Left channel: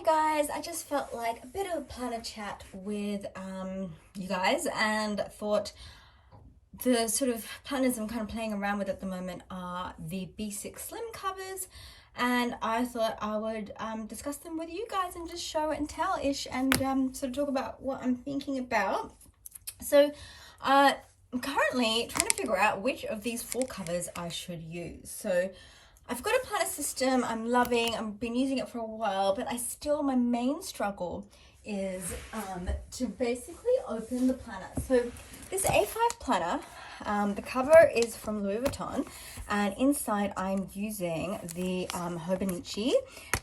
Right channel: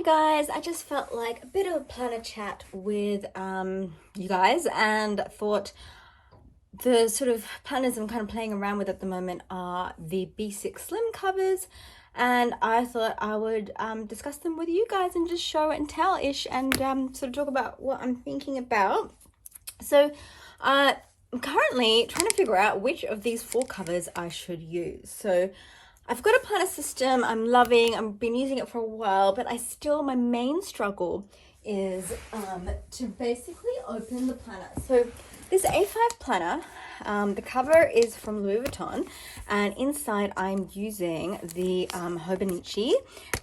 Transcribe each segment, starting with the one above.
Hey guys, I just felt like a bit of a planner chat with you guys, and thought the sort of planners I'm kind of playing around with at the moment are the B6 Slim covers, and I thought I would discuss them with you guys and just show and tell-ish, and sort of talk about what I'm thinking about. So I'm currently trying to figure out which of these 4 covers I should use. So I've got a planner system I'm loving. I've been using it for a while, but my main struggle is to basically open the planner. So this A5 planner, the cover is from Louis Vuitton, and inside I'm using the Hobonichi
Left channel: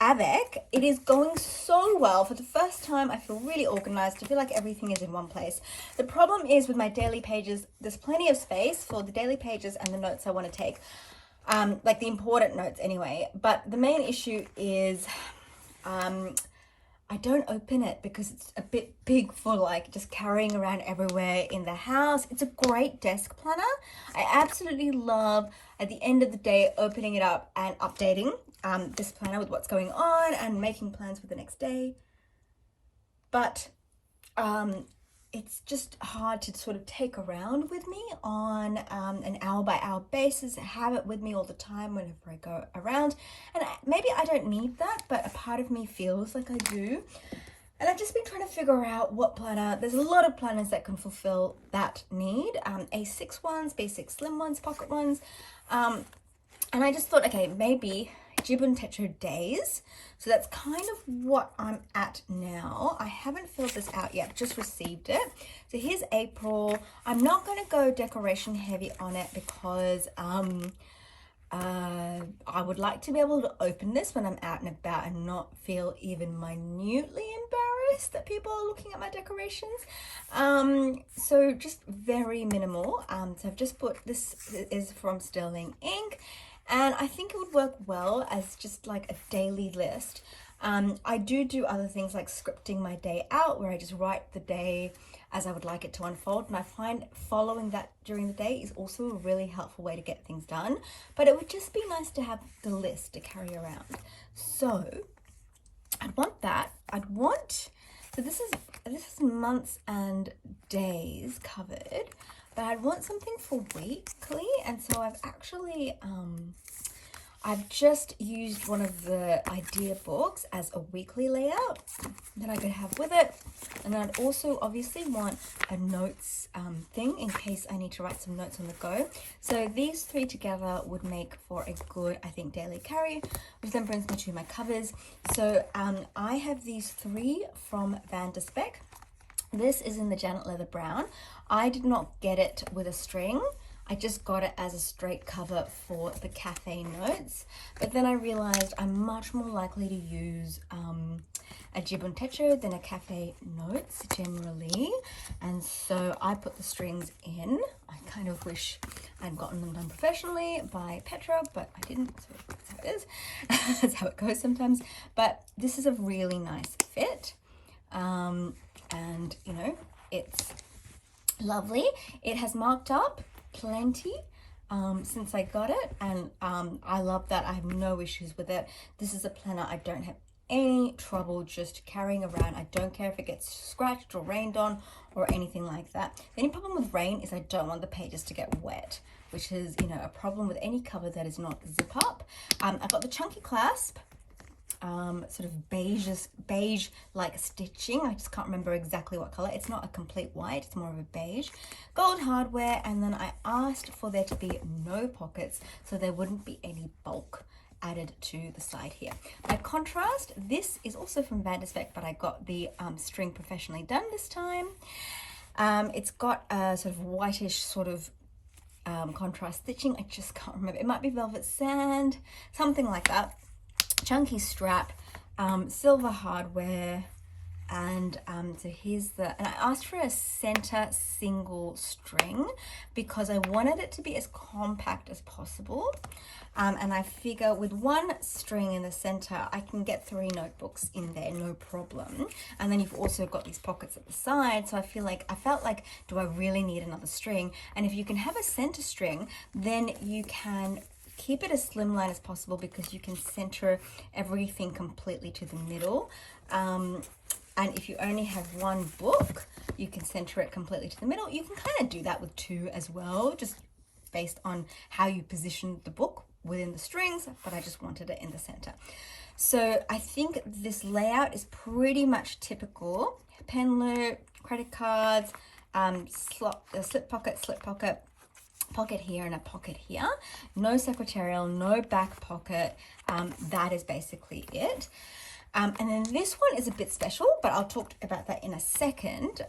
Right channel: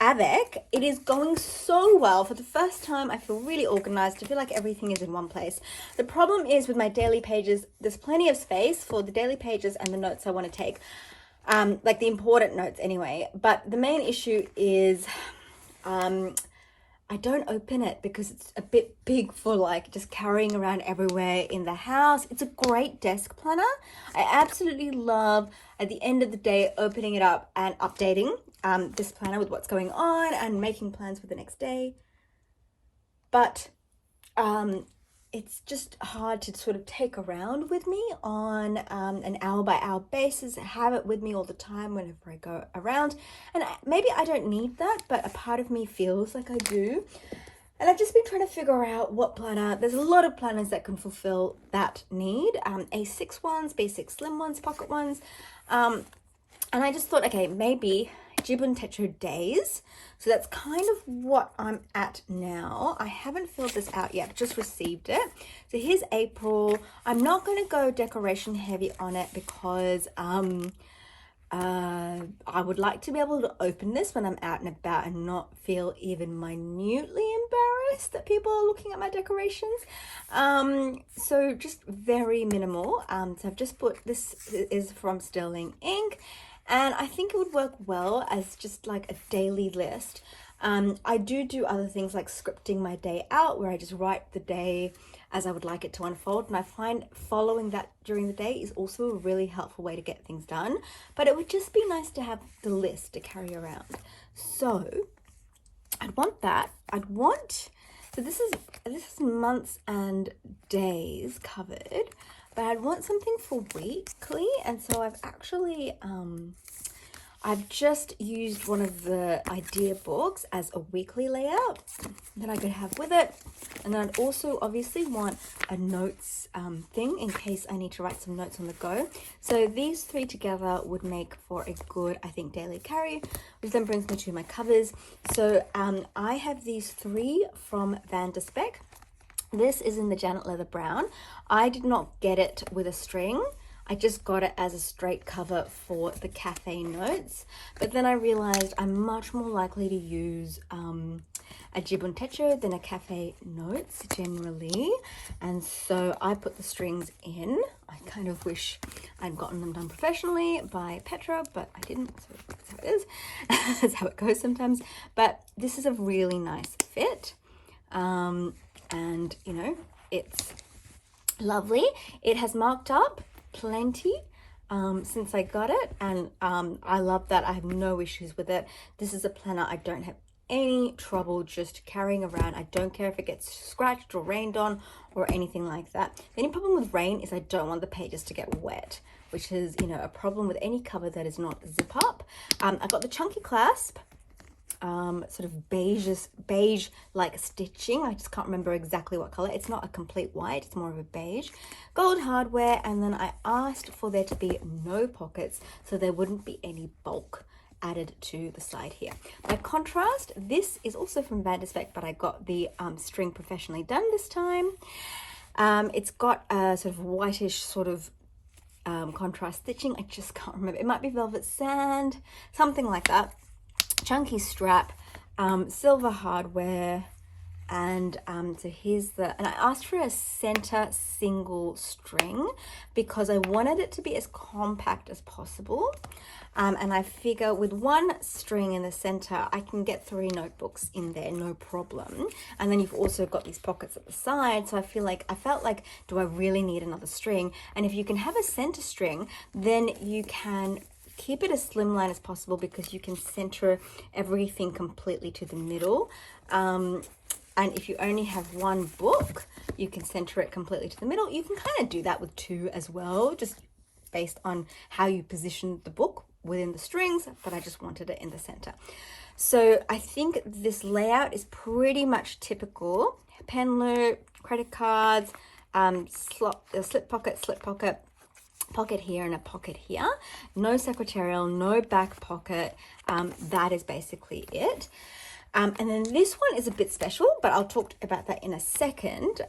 Avec. It is going so well. For the first time, I feel really organized. I feel like everything is in one place. The problem is with my daily pages, there's plenty of space for the daily pages and the notes I want to take. Like the important notes anyway, but the main issue is I don't open it because it's a bit big for like just carrying around everywhere in the house. It's a great desk planner. I absolutely love at the end of the day opening it up and updating this planner with what's going on and making plans for the next day, but it's just hard to sort of take around with me on an hour by hour basis, have it with me all the time whenever I go around. And maybe I don't need that, but a part of me feels like I do. And I've just been trying to figure out what planner. There's a lot of planners that can fulfill that need. A6 ones, B6 Slim ones, pocket ones. And I just thought, okay, maybe Jib and Tetra days. So that's kind of what I'm at now. I haven't filled this out yet, just received it. So here's April. I'm not going to go decoration heavy on it because I would like to be able to open this when I'm out and about and not feel even minutely embarrassed that people are looking at my decorations. So just very minimal. So I've just put, this is from Sterling Ink. And I think it would work well as just like a daily list. I do other things like scripting my day out, where I just write the day as I would like it to unfold. And I find following that during the day is also a really helpful way to get things done. But it would just be nice to have the list to carry around. So I'd want that. So this is months and days covered. But I'd want something for weekly, and so I've actually, I've just used one of the idea books as a weekly layout that I could have with it. And then I'd also obviously want a notes thing in case I need to write some notes on the go. So these 3 together would make for a good, I think, daily carry, which then brings me to my covers. So I have these 3 from Van de Spek. This is in the Janet Leather Brown. I did not get it with a string. I just got it as a straight cover for the cafe notes. But then I realized I'm much more likely to use a Jib and Tetra than a cafe notes generally. And so I put the strings in. I kind of wish I'd gotten them done professionally by Petra, but I didn't, so that's how it is. That's how it goes sometimes. But this is a really nice fit. And you know, it's lovely. It has marked up plenty since I got it, and I love that. I have no issues with it. This is a planner I don't have any trouble just carrying around. I don't care if it gets scratched or rained on or anything like that. The only problem with rain is I don't want the pages to get wet, which is, you know, a problem with any cover that is not zip up. I've got the chunky clasp, sort of beige like stitching. I just can't remember exactly what color. It's not a complete white, it's more of a beige. Gold hardware, and then I asked for there to be no pockets so there wouldn't be any bulk added to the side here. By contrast, this is also from Van de Spek, but I got the string professionally done this time. It's got a sort of whitish sort of contrast stitching. I just can't remember. It might be velvet sand, something like that. Chunky strap, silver hardware, and so here's and I asked for a center single string because I wanted it to be as compact as possible, and I figure with 1 string in the center I can get 3 notebooks in there, no problem. And then you've also got these pockets at the side, so I felt like, do I really need another string? And if you can have a center string, then you can keep it as slimline as possible because you can center everything completely to the middle. And if you only have one book, you can center it completely to the middle. You can kind of do that with two as well, just based on how you position the book within the strings, but I just wanted it in the center. So I think this layout is pretty much typical. Pen loop, credit cards, slip pocket, pocket here and a pocket here. No secretarial, no back pocket. That is basically it. And then this one is a bit special, but I'll talk about that in a second.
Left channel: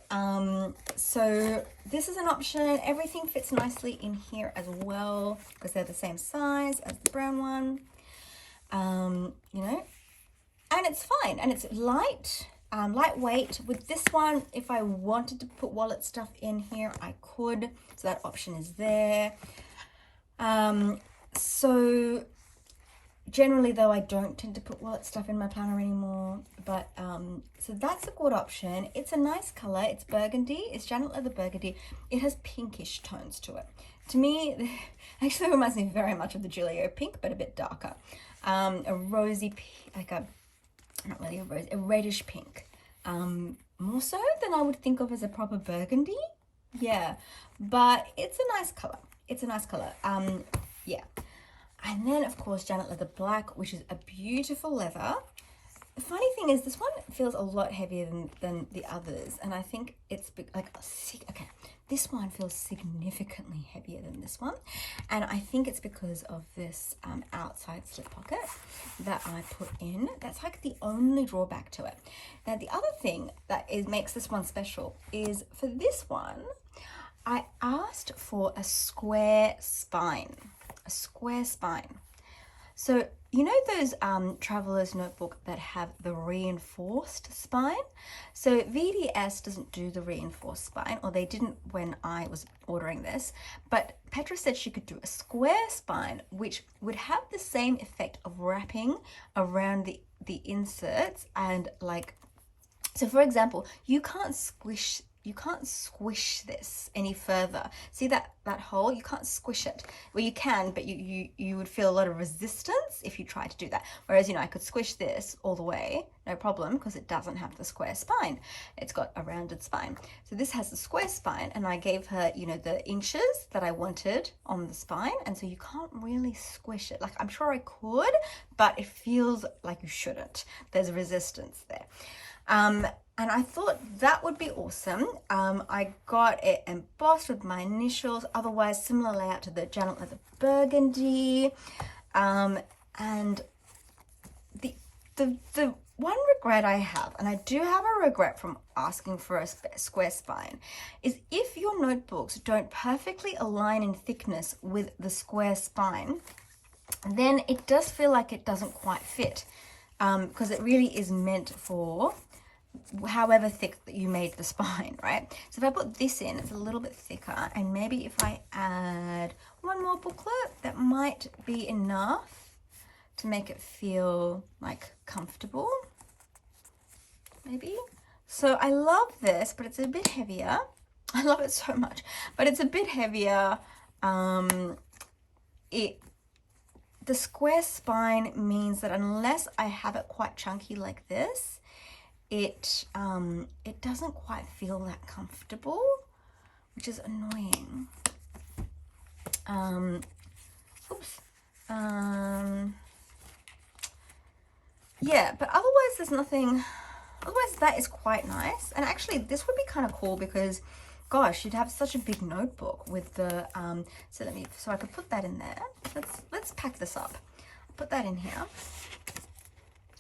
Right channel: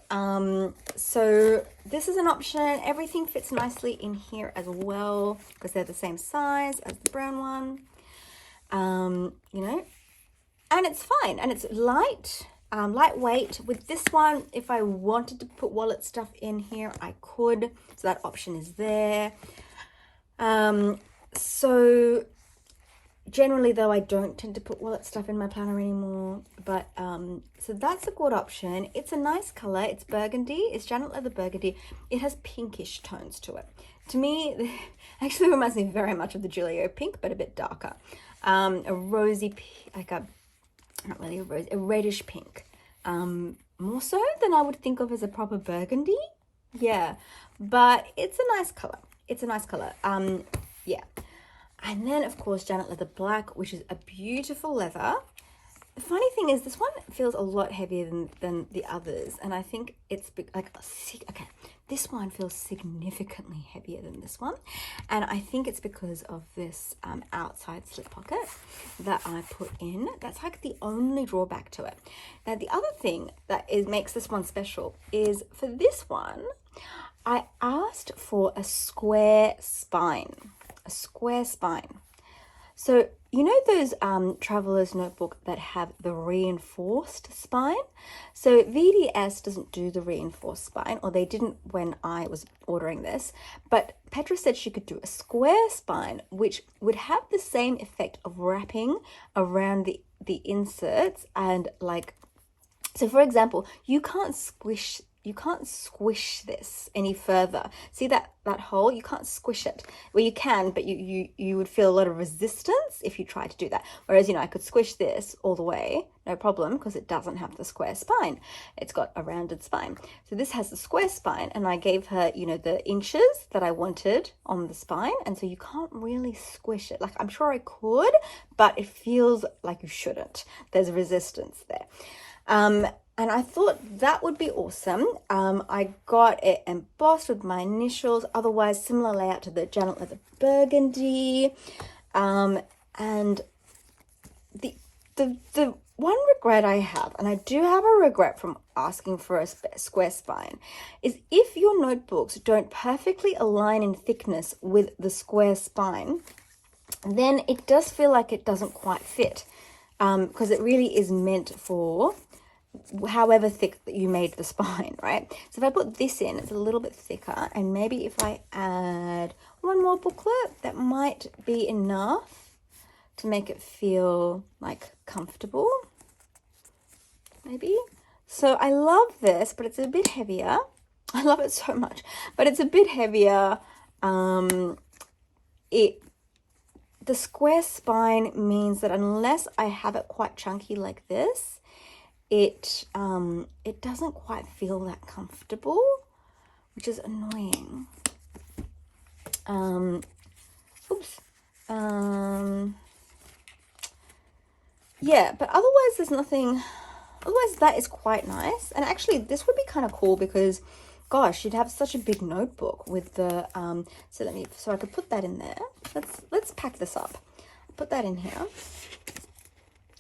So this is an option. Everything fits nicely in here as well because they're the same size as the brown one. You know, and it's fine, and it's lightweight. With this one, if I wanted to put wallet stuff in here, I could. So that option is there. So generally though, I don't tend to put wallet stuff in my planner anymore, but so that's a good option. It's a nice color. It's burgundy. It's Janet Leather burgundy. It has pinkish tones to it. To me, it actually reminds me very much of the Julio pink, but a bit darker. A rosy, like a, not really a rose, a reddish pink. More so than I would think of as a proper burgundy. Yeah, but it's a nice color. It's a nice color. Yeah. And then, of course, Janet Leather Black, which is a beautiful leather. The funny thing is this one feels a lot heavier than the others. And I think it's like, okay, this one feels significantly heavier than this one. And I think it's because of this outside slip pocket that I put in. That's like the only drawback to it. Now, the other thing that makes this one special is for this one, I asked for a square spine. A square spine. So you know those traveler's notebook that have the reinforced spine? So VDS doesn't do the reinforced spine, or they didn't when I was ordering this, but Petra said she could do a square spine, which would have the same effect of wrapping around the inserts, and like, so for example, you can't squish this any further. See that hole? You can't squish it. Well, you can, but you would feel a lot of resistance if you tried to do that. Whereas, you know, I could squish this all the way, no problem, because it doesn't have the square spine. It's got a rounded spine. So this has the square spine, and I gave her, you know, the inches that I wanted on the spine, and so you can't really squish it. Like, I'm sure I could, but it feels like you shouldn't. There's resistance there. And I thought that would be awesome. I got it embossed with my initials, otherwise similar layout to the Janet Leather burgundy. And the one regret I have, and I do have a regret from asking for a square spine, is if your notebooks don't perfectly align in thickness with the square spine, then it does feel like it doesn't quite fit, because it really is meant for however thick that you made the spine, right? So if I put this in, it's a little bit thicker, and maybe if I add one more booklet, that might be enough to make it feel like comfortable, maybe. So I love this, but it's a bit heavier. I love it so much, but it's a bit heavier. The square spine means that unless I have it quite chunky like this, it doesn't quite feel that comfortable, which is annoying. Yeah, but otherwise there's nothing. Otherwise that is quite nice, and actually this would be kind of cool because, gosh, you'd have such a big notebook with the so I could put that in there. Let's pack this up, put that in here,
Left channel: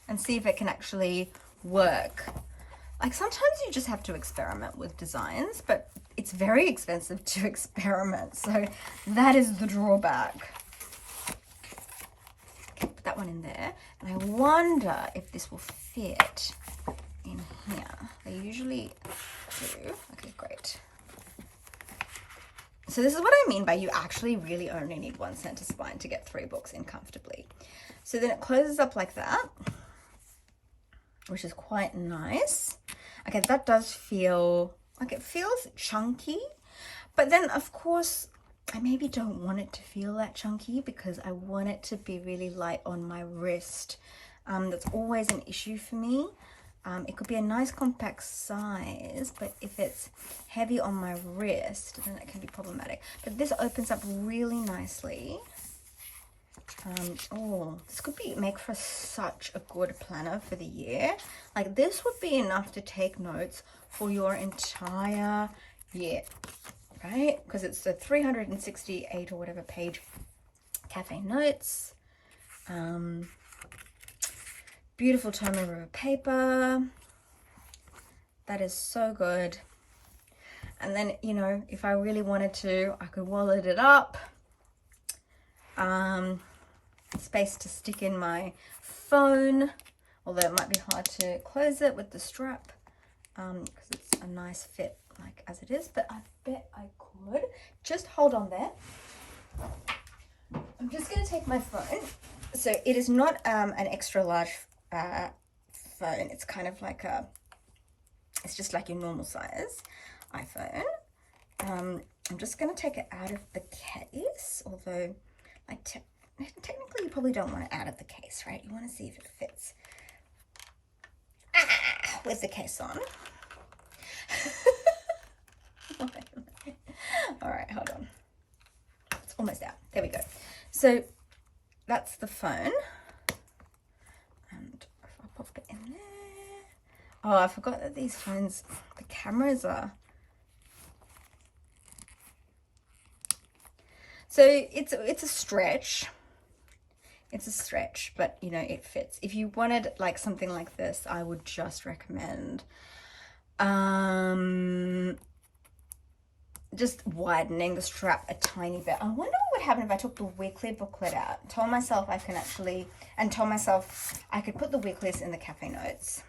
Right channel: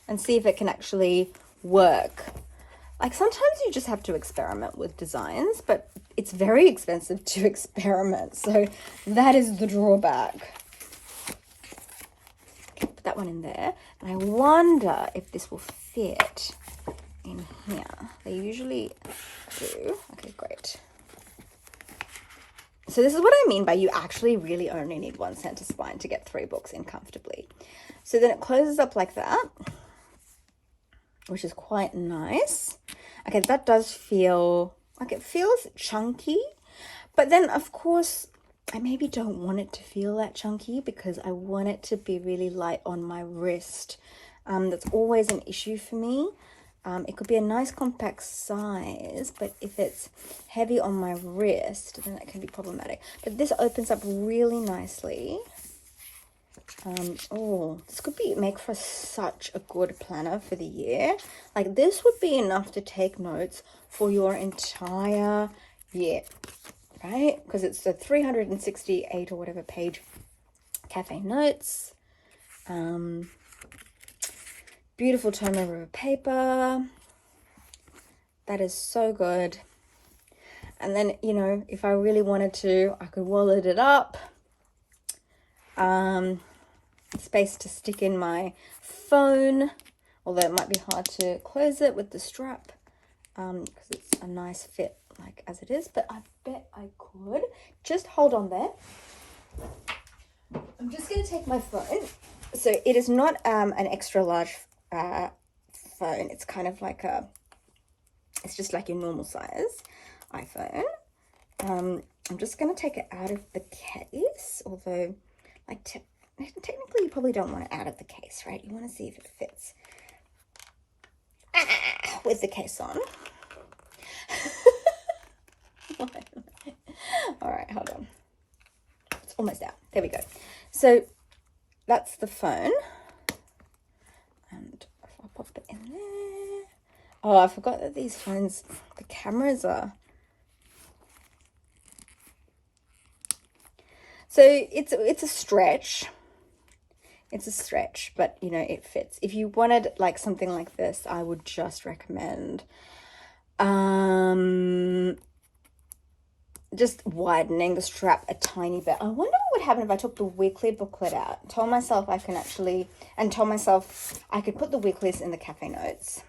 and see if it can actually work. Like, sometimes you just have to experiment with designs, but it's very expensive to experiment, so that is the drawback. Okay, put that one in there, and I wonder if this will fit in here. They usually do. Okay, great. So this is what I mean by you actually really only need one center spine to get 3 books in comfortably. So then it closes up like that, which is quite nice. Okay, that does feel like it feels chunky, but then of course I maybe don't want it to feel that chunky because I want it to be really light on my wrist. That's always an issue for me. It could be a nice compact size, but if it's heavy on my wrist, then that can be problematic. But this opens up really nicely. Oh, this could make for such a good planner for the year. Like, this would be enough to take notes for your entire year, right? Because it's the 368 or whatever page cafe notes. Beautiful tome over paper. That is so good. And then, you know, if I really wanted to, I could wallet it up. Space to stick in my phone, although it might be hard to close it with the strap, because it's a nice fit like as it is, but I bet I could. Just hold on there. I'm just going to take my phone. So it is not an extra large phone. It's kind of like it's just like your normal size iPhone. I'm just going to take it out of the case, although like technically you probably don't want it out of the case, right? You want to see if it fits with the case on. All right, hold on. It's almost out. There we go. So that's the phone. And if I pop it in there. Oh, I forgot that these phones, the cameras are. So it's a stretch. It's a stretch, but you know, it fits. If you wanted like something like this, I would just recommend just widening the strap a tiny bit. I wonder what would happen if I took the weekly booklet out, told myself I can actually, and told myself I could put the weeklies in the cafe notes.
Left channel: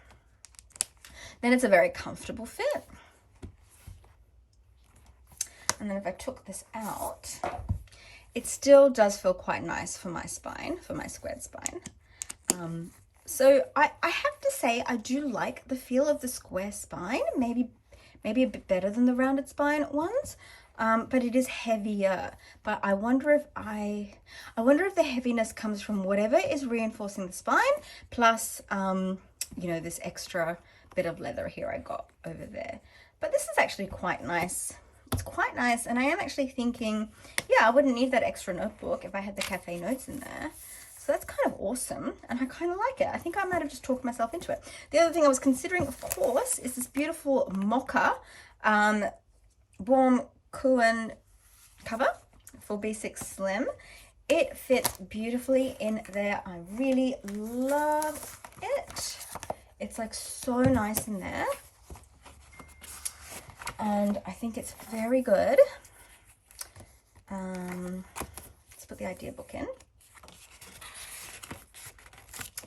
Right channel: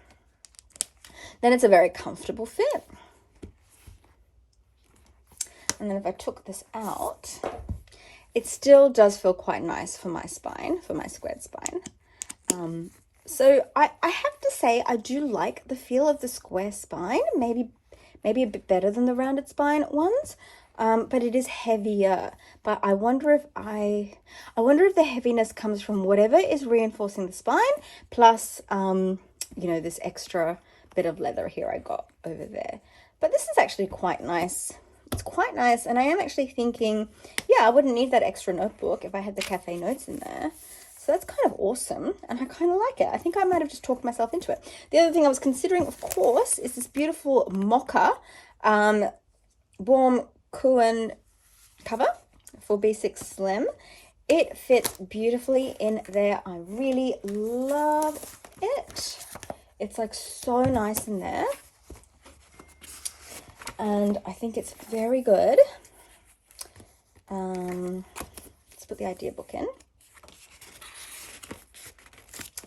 Then it's a very comfortable fit. And then if I took this out, it still does feel quite nice for my spine, for my squared spine. So I have to say I do like the feel of the square spine, maybe a bit better than the rounded spine ones, but it is heavier. But I wonder if the heaviness comes from whatever is reinforcing the spine, plus you know, this extra bit of leather here I got over there. But this is actually quite nice. It's quite nice, and I am actually thinking, yeah, I wouldn't need that extra notebook if I had the cafe notes in there. So that's kind of awesome, and I kind of like it. I think I might have just talked myself into it. The other thing I was considering, of course, is this beautiful mocha warm Kuan cover for B6 Slim. It fits beautifully in there. I really love it. It's like so nice in there. And I think it's very good. Let's put the idea book in.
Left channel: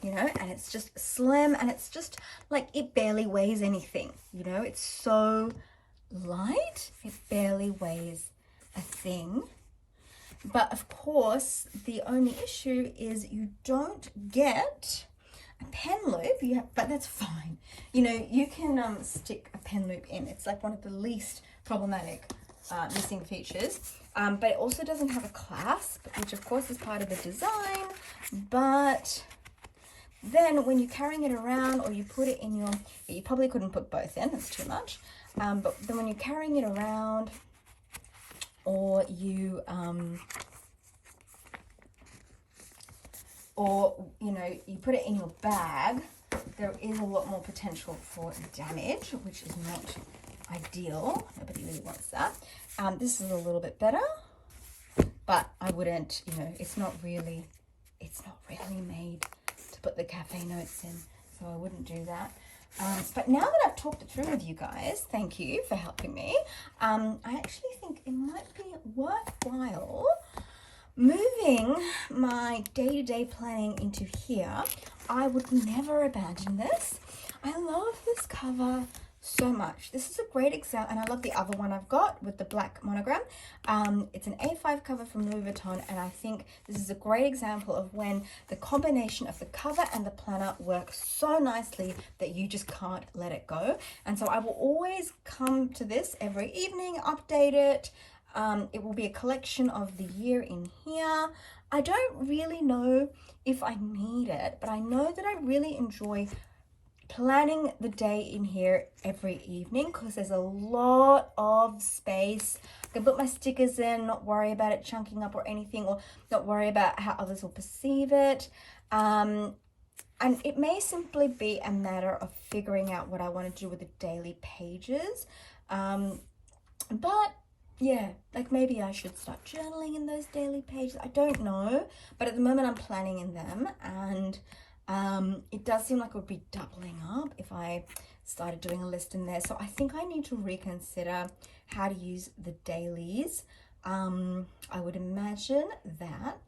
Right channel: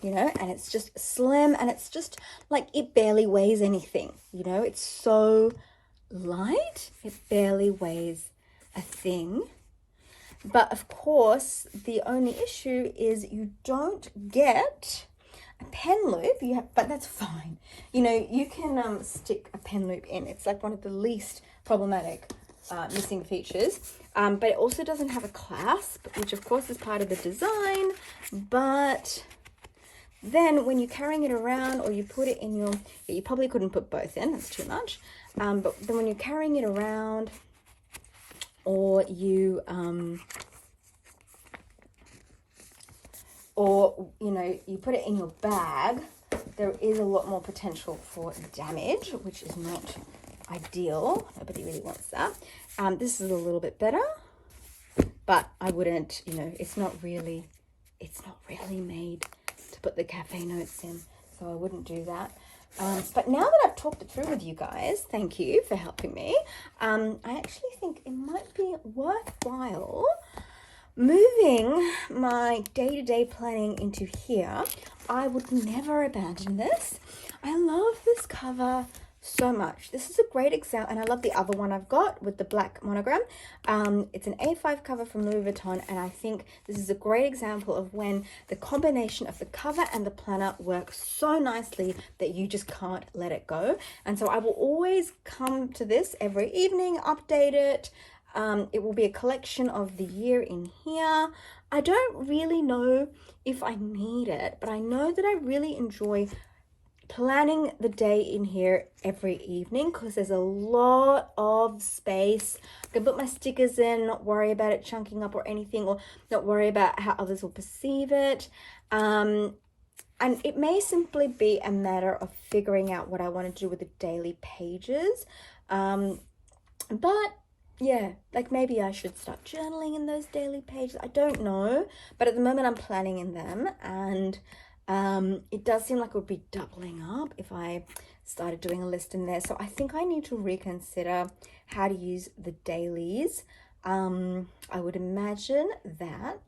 You know, and it's just slim, and it's just like, it barely weighs anything. You know, it's so light, it barely weighs a thing. But of course, the only issue is you don't get a pen loop. But that's fine. You know, you can stick a pen loop in. It's like one of the least problematic missing features. But it also doesn't have a clasp, which of course is part of the design. But then when you're carrying it around, or you put it in your, you probably couldn't put both in, that's too much. But then when you're carrying it around, or you you know, you put it in your bag, there is a lot more potential for damage, which is not ideal. Nobody really wants that. This is a little bit better, but I wouldn't, you know, it's not really made to put the cafe notes in, so I wouldn't do that. But now that I've talked it through with you guys, thank you for helping me. I actually think it might be worthwhile moving my day-to-day planning into here. I would never abandon this. I love this cover so much. This is a great example, and I love the other one I've got with the black monogram. It's an A5 cover from Louis Vuitton, and I think this is a great example of when the combination of the cover and the planner works so nicely that you just can't let it go. And so I will always come to this every evening, update it. It will be a collection of the year in here. I don't really know if I need it, but I know that I really enjoy planning the day in here every evening because there's a lot of space. I can put my stickers in, not worry about it chunking up or anything, or not worry about how others will perceive it. And it may simply be a matter of figuring out what I want to do with the daily pages. But yeah, like maybe I should start journaling in those daily pages. I don't know, but at the moment I'm planning in them, and it does seem like it would be doubling up if I started doing a list in there. So I think I need to reconsider how to use the dailies. I would imagine that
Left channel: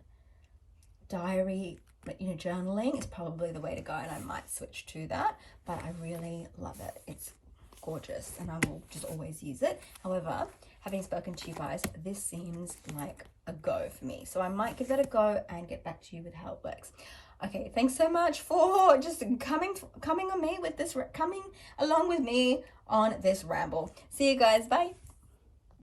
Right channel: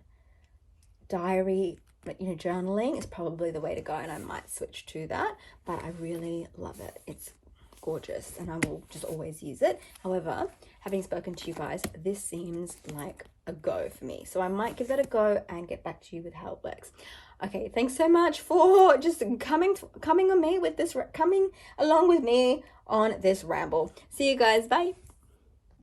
diary, journaling is probably the way to go, and I might switch to that, but I really love it. It's gorgeous and I will just always use it. However, having spoken to you guys, this seems like a go for me. So I might give that a go and get back to you with how it works. Okay, thanks so much for just coming along with me on this ramble. See you guys, bye.